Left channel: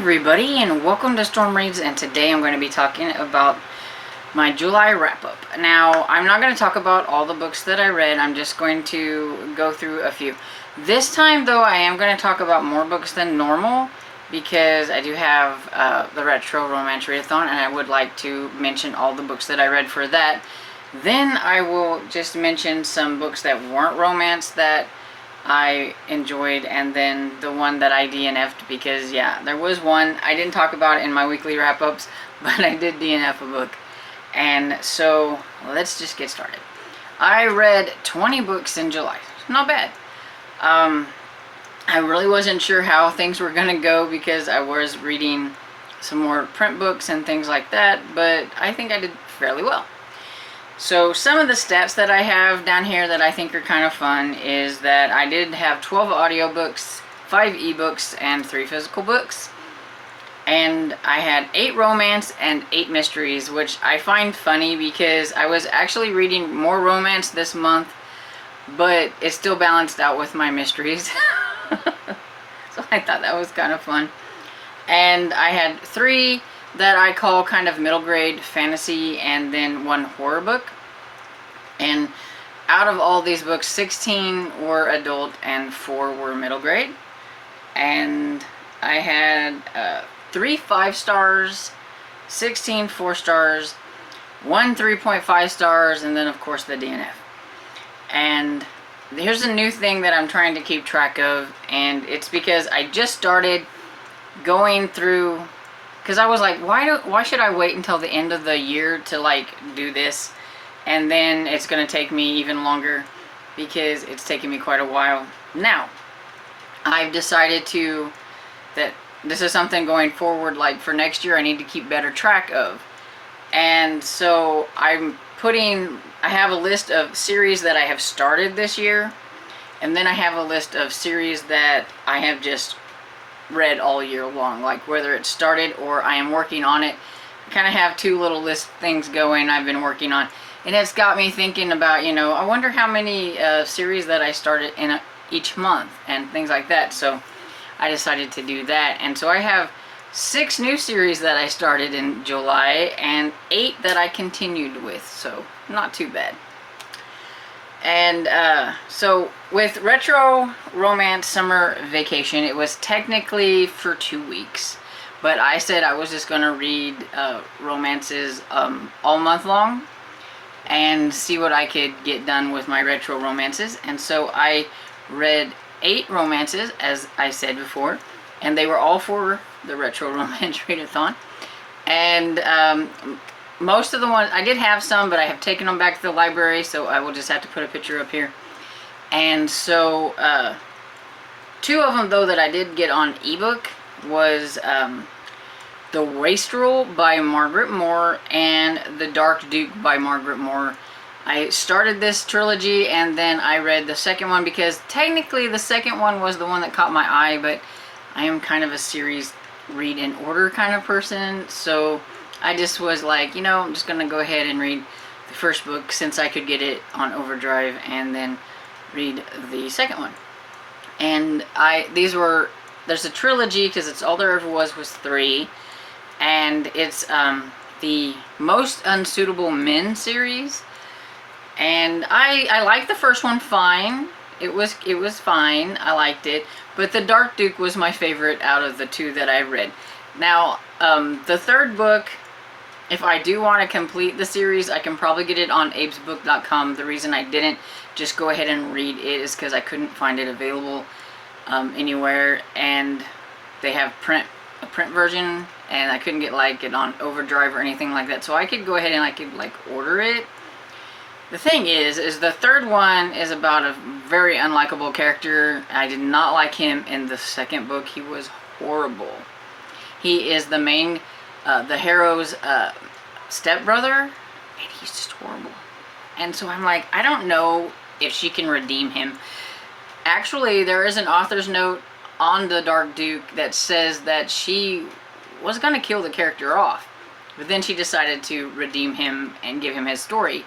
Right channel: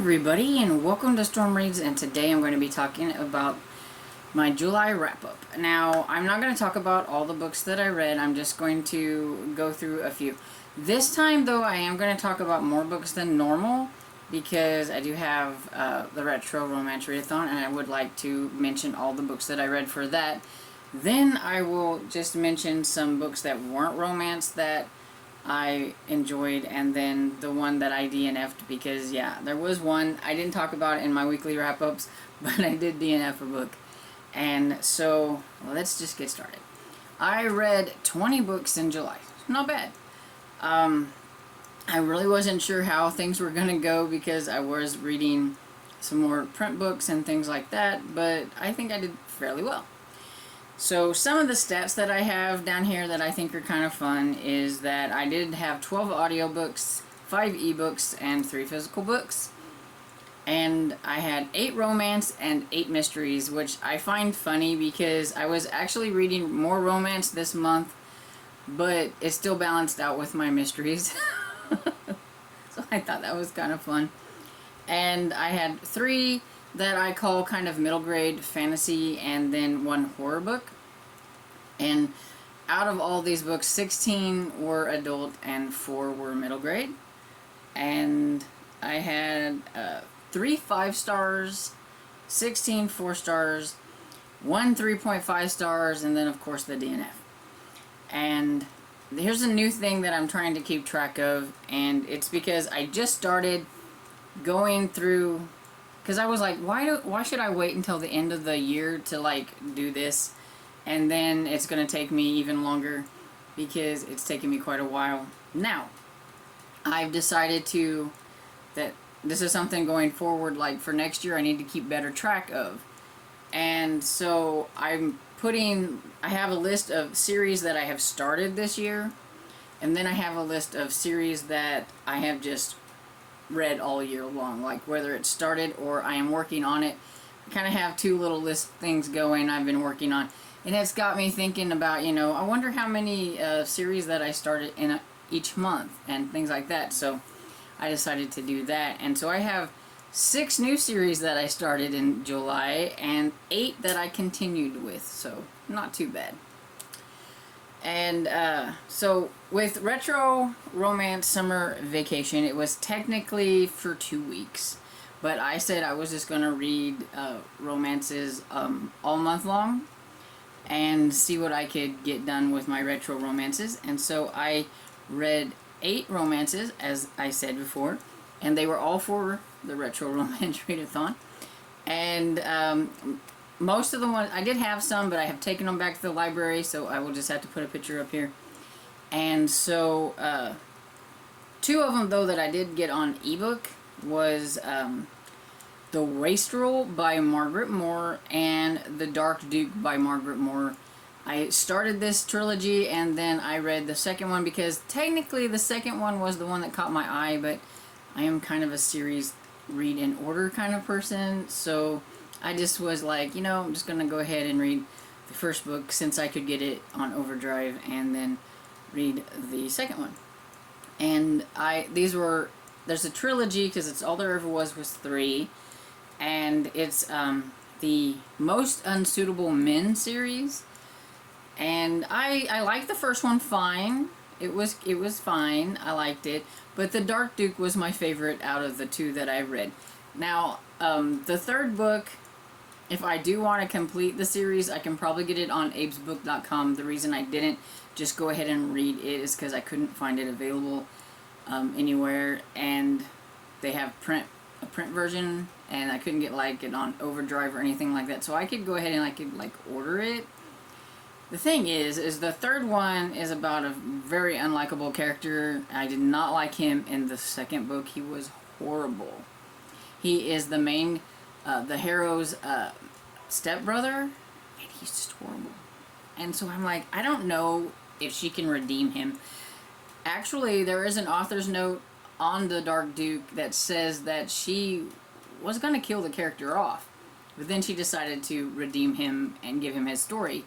everybody, and welcome to Storm Reads, and today I'm going to be talking about my July wrap-up. Now, I'm not going to talk about all the books that I read, I'm just going to go through a few. This time, though, I am going to talk about more books than normal, because I do have the Retro Romance Readathon, and I would like to mention all the books that I read for that. Then I will just mention some books that weren't romance that I enjoyed, and then the one that I DNF'd, because yeah, there was one I didn't talk about in my weekly wrap-ups, but I did DNF a book. And so let's just get started. I read 20 books in July. Not bad. I really wasn't sure how things were gonna go because I was reading some more print books and things like that, but I think I did fairly well. So some of the stats that I have down here that I think are kind of fun is that I did have 12 audiobooks, 5 ebooks, and 3 physical books. And I had 8 romance and 8 mysteries, which I find funny because I was actually reading more romance this month, but it still balanced out with my mysteries. So I thought that was kind of fun. And I had 3 that I call kind of middle grade fantasy, and then 1 horror book. And out of all these books, 16 were adult and 4 were middle grade. And I had 3 5 stars, 16 4 stars, 1 3.5 stars, and then of course the DNF. And here's a new thing that I'm trying to keep track of, and it's because I just started going through, because I was like, why should I wait until the end of the year to like do this, and then it's gonna take me even longer because it's taken me quite a while. Now I've decided that this is something going forward, like for next year I need to keep better track of. And so I have a list of series that I have started this year, and then I have a list of series that I have just read all year long, like whether it started or I am working on it. I kind of have 2 little list things going I've been working on, and it's got me thinking about, I wonder how many series that I started in each month and things like that. So I decided to do that, and so I have 6 new series that I started in July and 8 that I continued with, so not too bad. And so with Retro Romance Summer Vacation, it was technically for 2 weeks, but I said I was just going to read romances all month long and see what I could get done with my retro romances. And so I read 8 romances, as I said before, and they were all for the Retro Romance Readathon. And most of the ones, I did have some, but I have taken them back to the library, so I will just have to put a picture up here. And so 2 of them, though, that I did get on ebook was The Wastrel by Margaret Moore and The Dark Duke by Margaret Moore. I started this trilogy and then I read the second one because technically the second one was the one that caught my eye, but I am kind of a series read in order kind of person, so I just was like, I'm just gonna go ahead and read the first book since I could get it on overdrive, and then read the second one. And there's a trilogy because it's all there ever was 3, and it's the Most Unsuitable Men series. And I liked the first one fine. It was fine. I liked it. But The Dark Duke was my favorite out of the 2 that I read. Now, the third book, if I do want to complete the series, I can probably get it on abesbook.com. The reason I didn't just go ahead and read it is because I couldn't find it available anywhere. And they have a print version, and I couldn't get it on overdrive or anything like that. So I could go ahead and I could order it. The thing is the third one is about a very unlikable character. I did not like him in the second book. He was horrible. He is the main, the hero's stepbrother, and he's just horrible. And so I'm like, I don't know if she can redeem him. Actually, there is an author's note on the Dark Duke that says that she was going to kill the character off, but then she decided to redeem him and give him his story.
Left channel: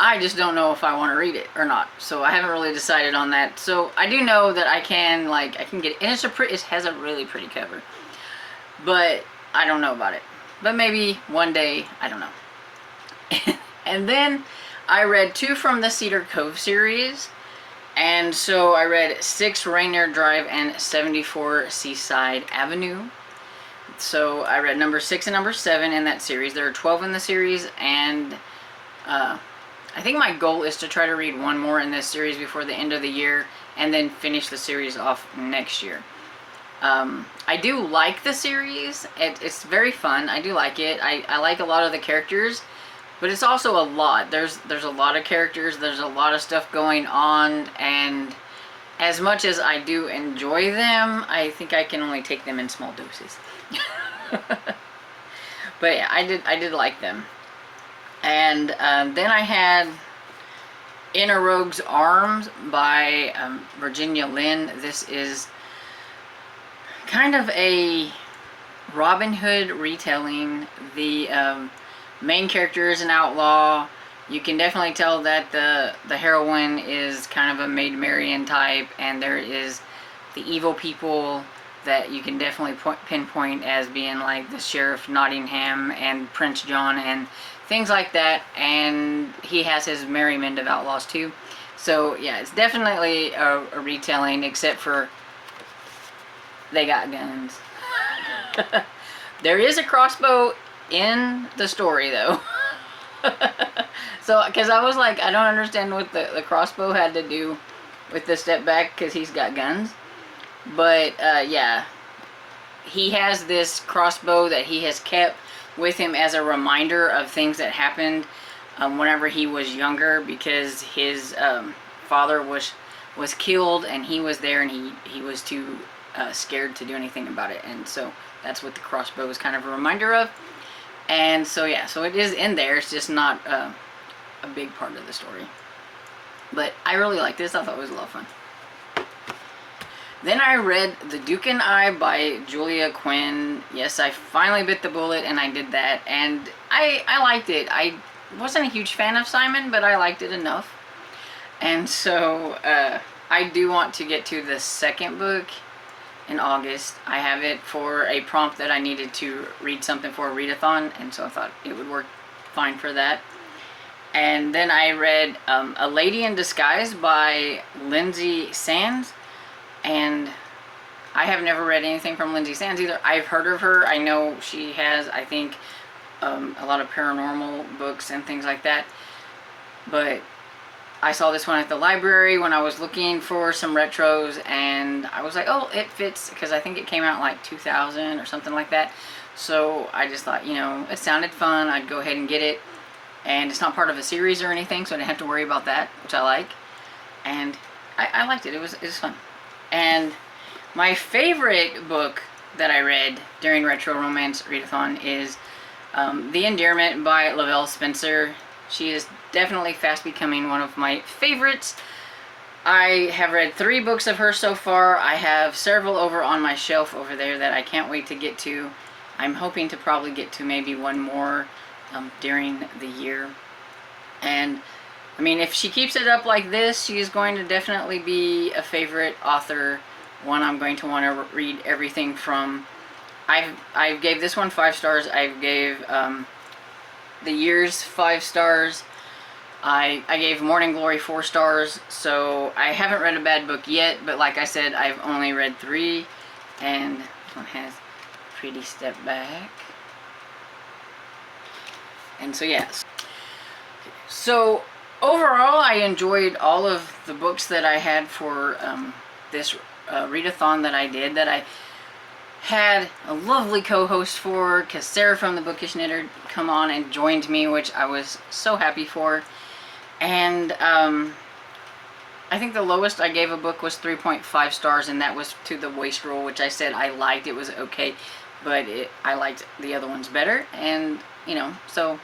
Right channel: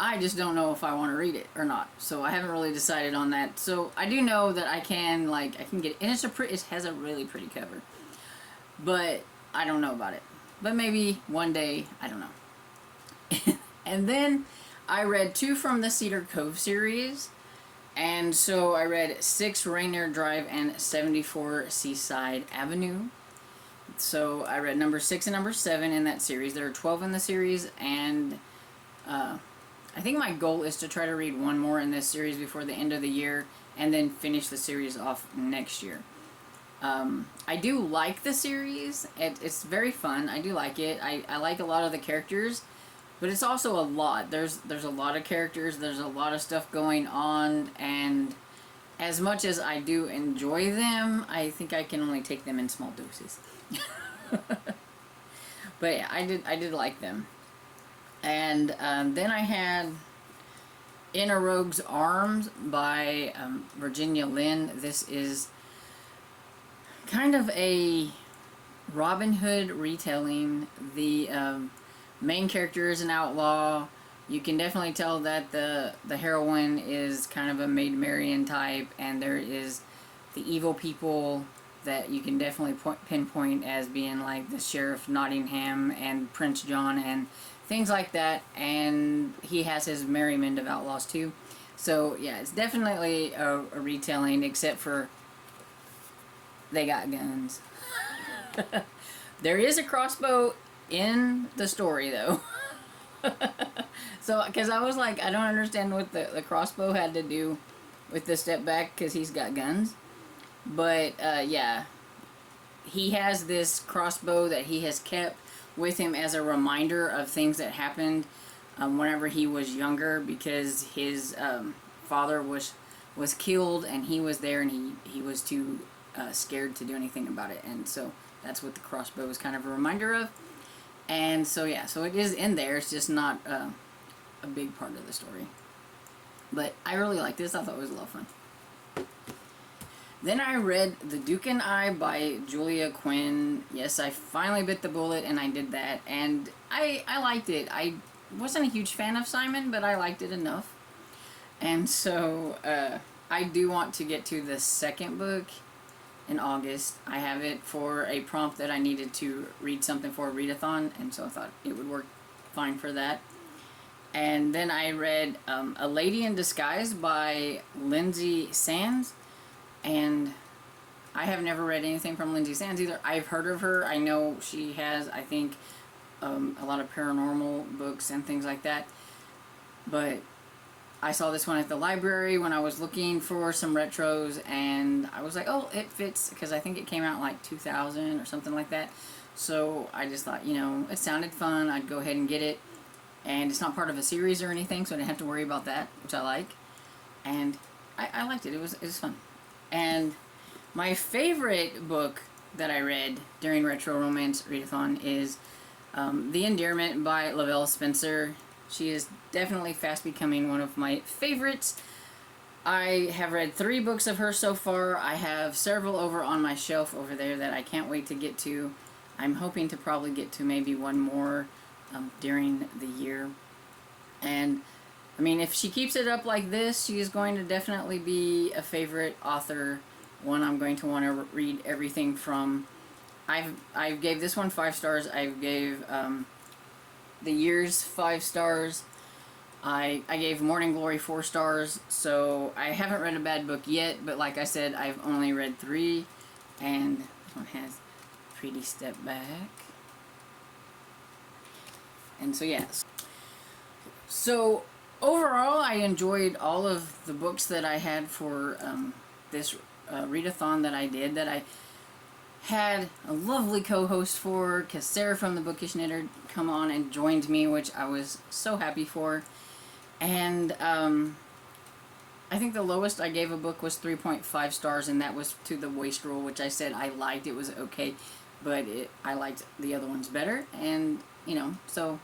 I just don't know if I want to read it or not, so I haven't really decided on that. So I do know that I can get, and it has a really pretty cover. but I don't know about it. But maybe one day, I don't know. And then I read 2 from the Cedar Cove series. And so I read 6 Rainier Drive and 74 Seaside Avenue. So I read number 6 and number 7 in that series. There are 12 in the series, and I think my goal is to try to read 1 more in this series before the end of the year, and then finish the series off next year. I do like the series. It's very fun. I do like it. I like a lot of the characters, but it's also a lot. There's a lot of characters. There's a lot of stuff going on, and as much as I do enjoy them, I think I can only take them in small doses. But yeah, I did like them. And then I had In a Rogue's Arms by Virginia Lynn. This is kind of a Robin Hood retelling. The main character is an outlaw. You can definitely tell that the heroine is kind of a Maid Marian type, and there is the evil people that you can definitely pinpoint as being like the Sheriff Nottingham and Prince John and things like that, and he has his merry men of outlaws too. So yeah, it's definitely a retelling, except for they got guns. There is a crossbow in the story though. So, because I was like, I don't understand what the crossbow had to do with the step back, because he's got guns. But yeah, he has this crossbow that he has kept with him as a reminder of things that happened whenever he was younger, because his father was killed, and he was there, and he was too scared to do anything about it. And so that's what the crossbow is kind of a reminder of. And so yeah, so it is in there. It's just not a big part of the story. But I really liked this. I thought it was a lot of fun. Then I read The Duke and I by Julia Quinn. Yes, I finally bit the bullet, and I did that. And I liked it. I wasn't a huge fan of Simon, but I liked it enough. And so I do want to get to the second book in August. I have it for a prompt that I needed to read something for a readathon, and so I thought it would work fine for that. And then I read A Lady in Disguise by Lindsay Sands, and I have never read anything from Lindsay Sands either. I've heard of her. I know she has, I think, a lot of paranormal books and things like that, but I saw this one at the library when I was looking for some retros, and I was like, oh, it fits, because I think it came out like 2000 or something like that. So I just thought, you know, it sounded fun. I'd go ahead and get it. And it's not part of a series or anything, so I didn't have to worry about that, which I like. And I liked it. It was fun. And my favorite book that I read during Retro Romance Readathon is The Endearment by Lavell Spencer. She is definitely fast becoming one of my favorites. I have read 3 books of her so far. I have several over on my shelf over there that I can't wait to get to. I'm hoping to probably get to maybe one more during the year. And I mean, if she keeps it up like this, she is going to definitely be a favorite author, one I'm going to want to read everything from. I gave this one 5 stars. I gave The Years 5 stars. I gave Morning Glory 4 stars. So I haven't read a bad book yet, but like I said, I've only read 3, and this one has a pretty step back. And so yes. So overall, I enjoyed all of the books that I had for this readathon that I did, that I had a lovely co-host for, because Sarah from the Bookish Knitter come on and joined me, which I was so happy for. And I think the lowest I gave a book was 3.5 stars, and that was to The Wastrel, which I said I liked. It was okay, but I liked the other ones better, and you know, so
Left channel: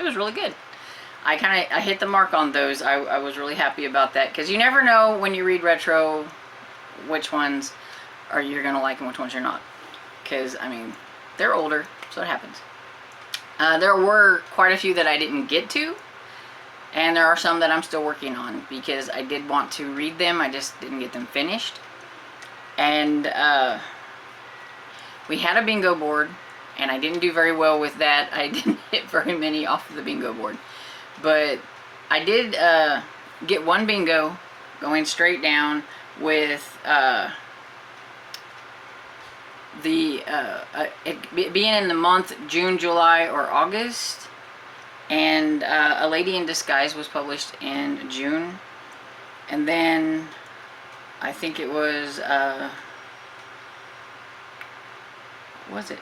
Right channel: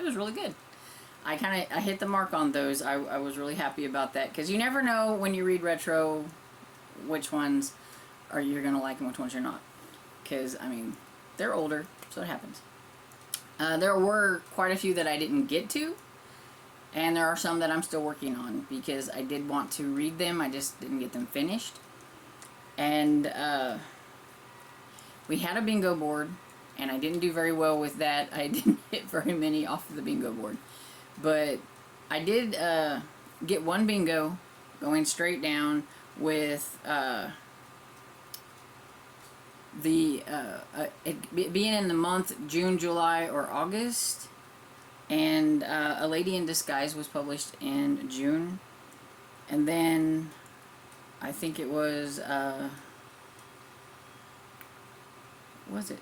it was really good. I hit the mark on those. I was really happy about that, because you never know when you read retro which ones are you're gonna like and which ones you're not, because I mean, they're older, so it happens. There were quite a few that I didn't get to, and there are some that I'm still working on, because I did want to read them, I just didn't get them finished. And we had a bingo board, and I didn't do very well with that. I didn't hit very many off of the bingo board. But I did get one bingo going straight down with it being in the month June, July, or August. And A Lady in Disguise was published in June. And then I think it was, what was it?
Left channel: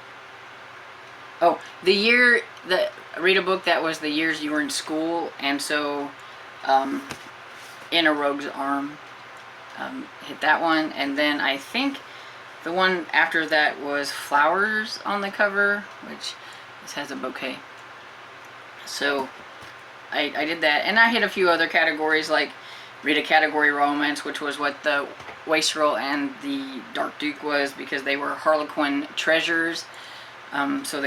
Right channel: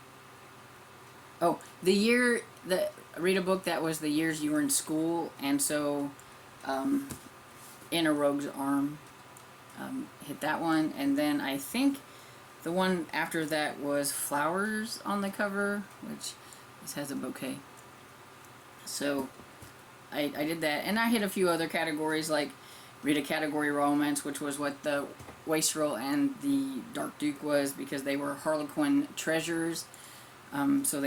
Oh, read a book that was the years you were in school. And so, In a Rogue's Arm, hit that one. And then I think the one after that was Flowers on the cover, which this has a bouquet. So I did that, and I hit a few other categories, like read a category romance, which was what the Wastrel and the Dark Duke was, because they were Harlequin treasures. So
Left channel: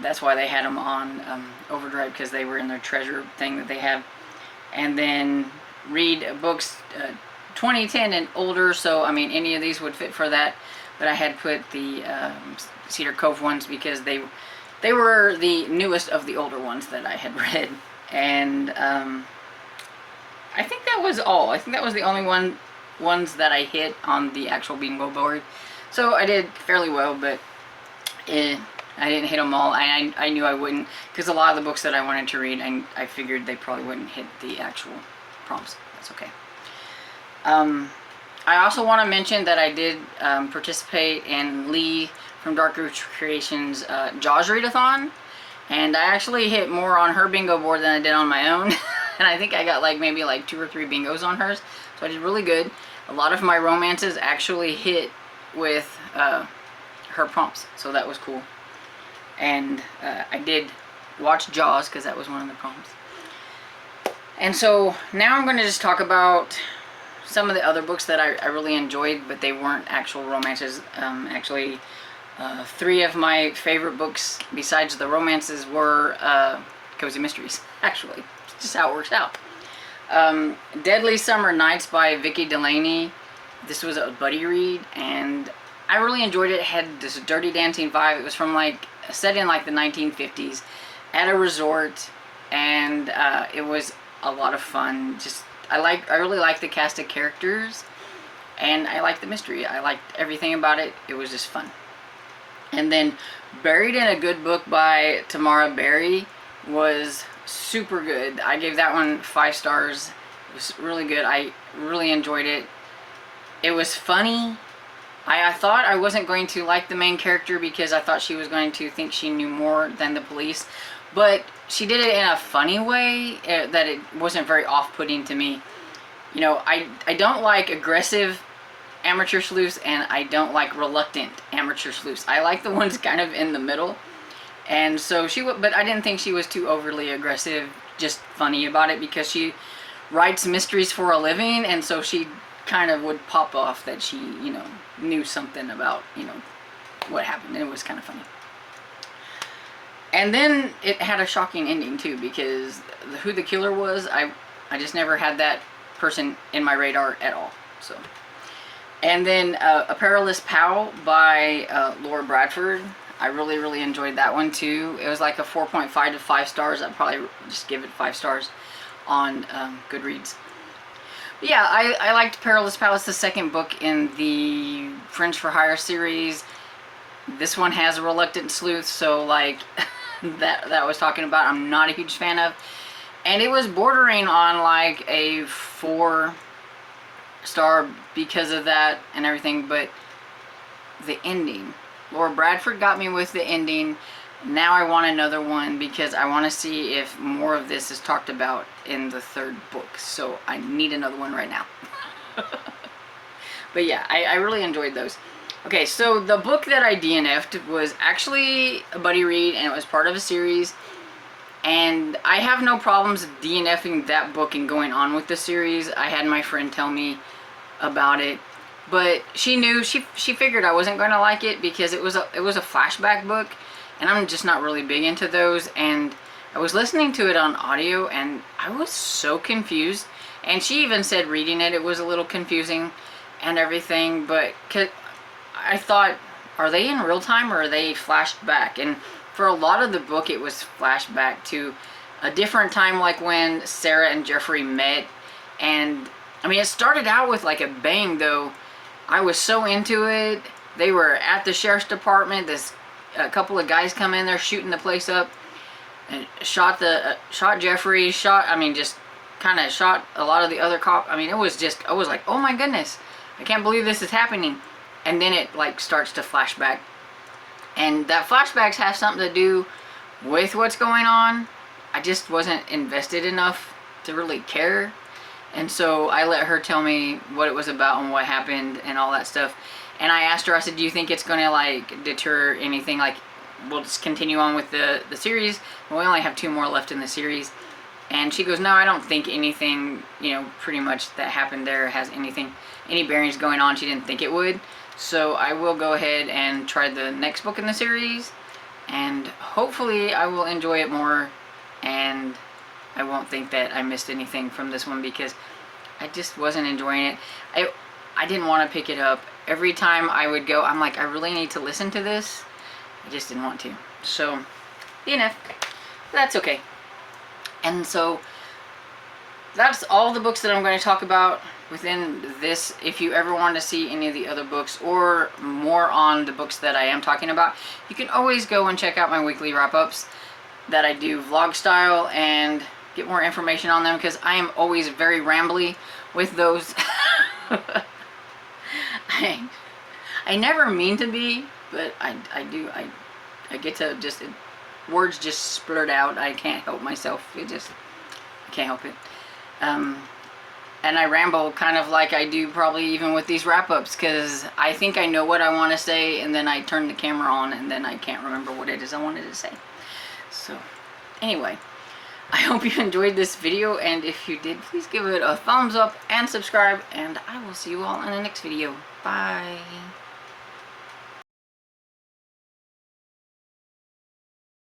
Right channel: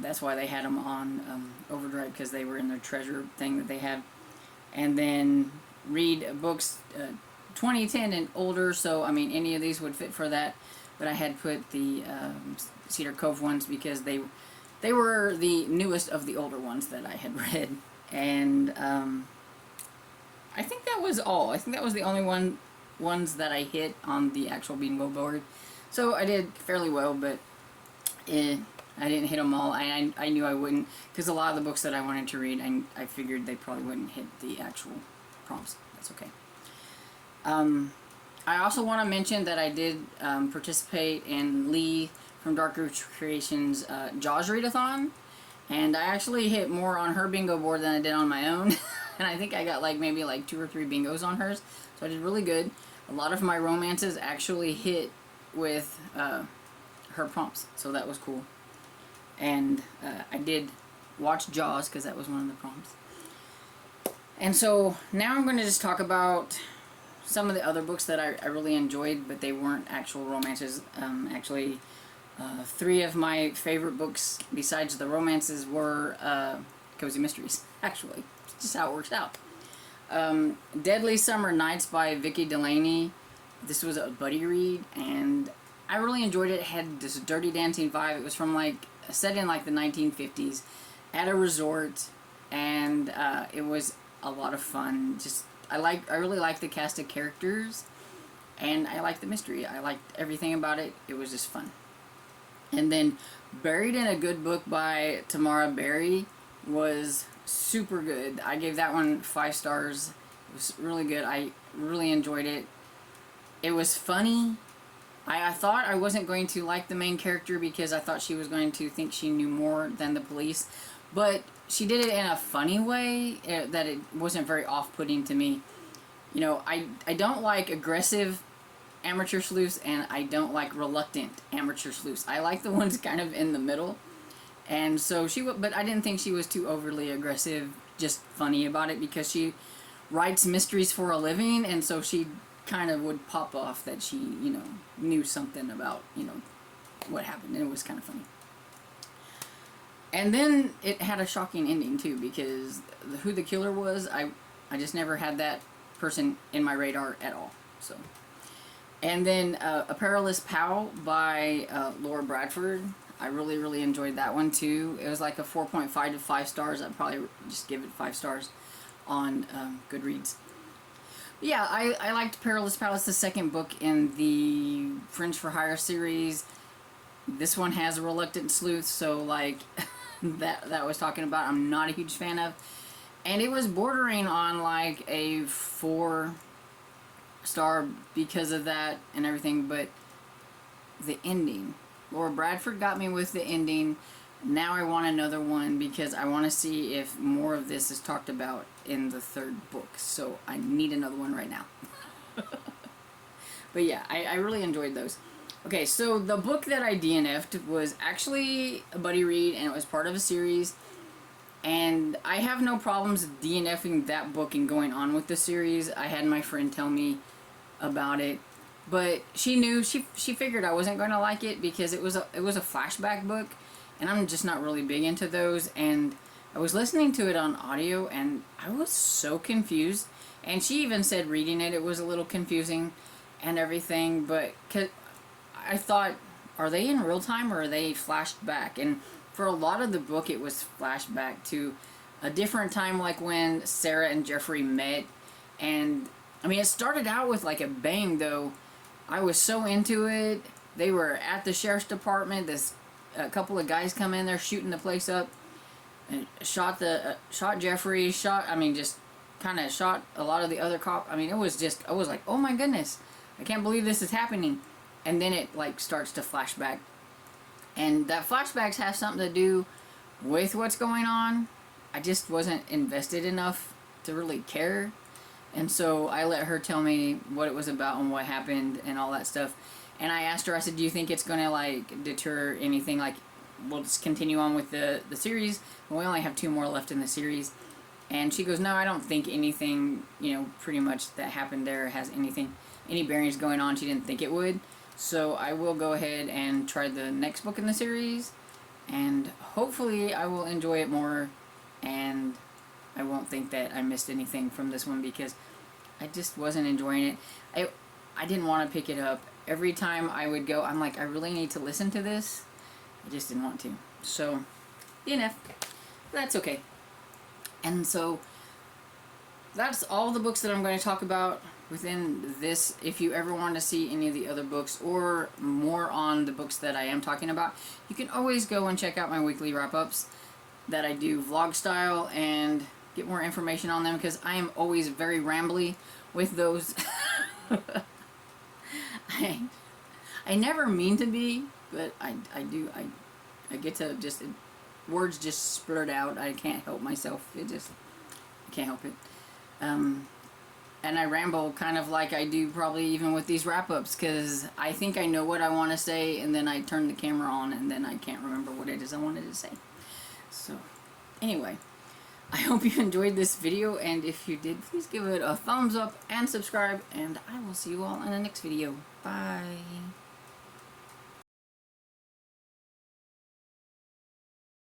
that's why they had them on Overdrive, because they were in their treasure thing that they have. And then read books 2010 and older, so I mean any of these would fit for that, but I had put the Cedar Cove ones because they were the newest of the older ones that I had read. And I think that was all. I think that was the only ones that I hit on the actual bingo board. So I did fairly well, but I didn't hit them all. I knew I wouldn't, because a lot of the books that I wanted to read, I figured they probably wouldn't hit the actual prompts. That's okay. I also want to mention that I did participate in Lee from Dark Roots Creations' Jaws Readathon, and I actually hit more on her bingo board than I did on my own. And I think I got maybe 2 or 3 bingos on hers, so I did really good. A lot of my romances actually hit with her prompts, so that was cool. And I did watch Jaws, because that was one of the prompts. And so now I'm going to just talk about some of the other books that I really enjoyed, but they weren't actual romances. Actually, 3 of my favorite books besides the romances were cozy mysteries, actually. It's just how it works out. Deadly Summer Nights by Vicky Delaney. This was a buddy read, and I really enjoyed it. It had this Dirty Dancing vibe. It was from set in the 1950s at a resort, and it was a lot of fun. I really liked the cast of characters, and I liked the mystery. I liked everything about it. It was just fun. And then Buried in a Good Book by Tamara Berry was super good. I gave that one 5 stars. It was really good. I really enjoyed it. It was funny. I thought I wasn't going to like the main character because I thought she was going to think she knew more than the police, but she did it in a funny way that it wasn't very off-putting to me. You know, I don't like aggressive amateur sleuths, and I don't like reluctant amateur sleuths. I like the ones kind of in the middle. And so but I didn't think she was too overly aggressive, just funny about it, because she writes mysteries for a living, and so she kind of would pop off that she, knew something about, what happened, and it was kind of funny. And then it had a shocking ending too, because who the killer was, I just never had that person in my radar at all. So, and then A Perilous Pal by Laura Bradford. I really, really enjoyed that one too. It was like a 4.5 to 5 stars. I'd probably just give it 5 stars on Goodreads. But yeah, I liked Perilous Pal. It's the second book in the Friends for Hire series. This one has a reluctant sleuth, so that I was talking about, I'm not a huge fan of. And it was bordering on a 4 star because of that and everything, but the ending, Laura Bradford got me with the ending. Now I want another one because I want to see if more of this is talked about in the 3rd book. So I need another one right now. But yeah, I really enjoyed those. Okay, so the book that I DNF'd was actually a buddy read, and it was part of a series. And I have no problems DNFing that book and going on with the series. I had my friend tell me about it, but she knew, she figured I wasn't going to like it because it was a flashback book, and I'm just not really big into those. And I was listening to it on audio, and I was so confused. And she even said reading it was a little confusing and everything, but I thought are they in real time or are they flashed back? And for a lot of the book, it was flashback to a different time, like when Sarah and Jeffrey met. And I mean, it started out with like a bang, though. I was so into it. They were at the sheriff's department. A couple of guys come in there shooting the place up, and shot Jeffrey. Just kind of shot a lot of the other cops. I mean, I was like, oh my goodness, I can't believe this is happening. And then it like starts to flashback, and that flashbacks have something to do with what's going on. I just wasn't invested enough to really care. And so I let her tell me what it was about and what happened and all that stuff. And I asked her, I said, do you think it's going to like deter anything? Like, we'll just continue on with the series. We only have 2 more left in the series. And she goes, no, I don't think anything, pretty much that happened there has any bearings going on. She didn't think it would. So I will go ahead and try the next book in the series. And hopefully I will enjoy it more. And I won't think that I missed anything from this one, because I just wasn't enjoying it. I didn't want to pick it up. Every time I would go, I'm like, I really need to listen to this. I just didn't want to. So, DNF. That's okay. And so, that's all the books that I'm going to talk about within this. If you ever want to see any of the other books or more on the books that I am talking about, you can always go and check out my weekly wrap-ups that I do vlog style and get more information on them, because I am always very rambly with those. I never mean to be, but I do. I get to just, words just splurt out. I can't help myself. I can't help it. And I ramble kind of like I do probably even with these wrap-ups, because I think I know what I want to say, and then I turn the camera on and then I can't remember what it is I wanted to say. So, anyway, I hope you enjoyed this video, and if you did, please give it a thumbs up and subscribe, and I will see you all in the next video. Bye.